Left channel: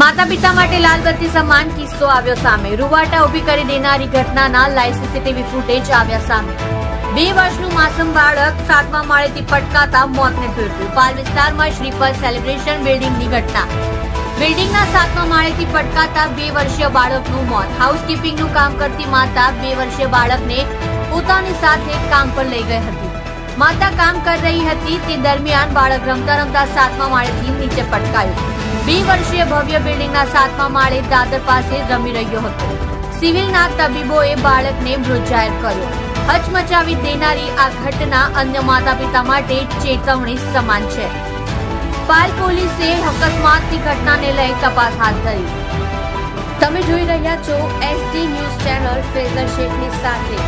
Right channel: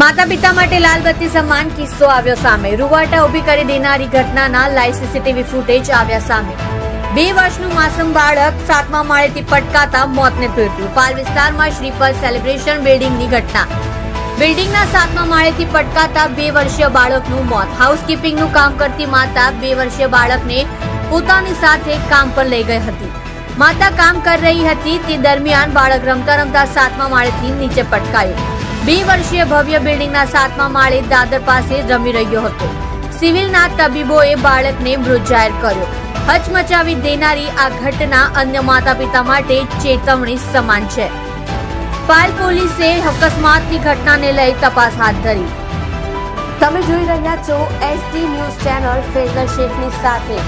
માતા પિતા માટે લાલ બત્તી સમાન કિસ્સો આવ્યો સામે. રૂવાટા ઉભી કરી દેનારી ઘટનાના લાઈવ સીસીટીવી ફૂટેજ આવ્યા સામે. 2 વર્ષનું માસૂમ બાળક 7મા માળેથી પટકાતા મોતને ભેટ્યું. પાલ વિસ્તારમાં શ્રીપદ સેલિબ્રેશન બિલ્ડિંગની ઘટના. બિલ્ડિંગના 7મા માળેથી પટકાતા 2 વર્ષીય બાળકનું મોત. હાઉસકીપિંગનું કામ કરતી માતા 2 વર્ષીય બાળકને પોતાની સાથે કામ પર લઈ ગઈ હતી. માતા કામ કરી રહી હતી તે દરમિયાન બાળક રમતા રમતા 7મા માળેથી નીચે પટકાયું. 2 વર્ષીય ભવ્ય બિલ્ડિંગના 7મા માળે દાદર પાસે રમી રહ્યો હતો. સિવિલના તબીબોએ બાળકને મૃત જાહેર કર્યો. હચમચાવી દેનારી આ ઘટના અન્ય માતા પિતા માટે ચેતવણી સમાન છે. પાલ પોલીસે અકસ્માતની ઘટનાને લઈ તપાસ હાથ ધરી. તમે જોઈ રહ્યા છો SD ન્યૂઝ ચેનલ ફેઝર શેખની સાથે.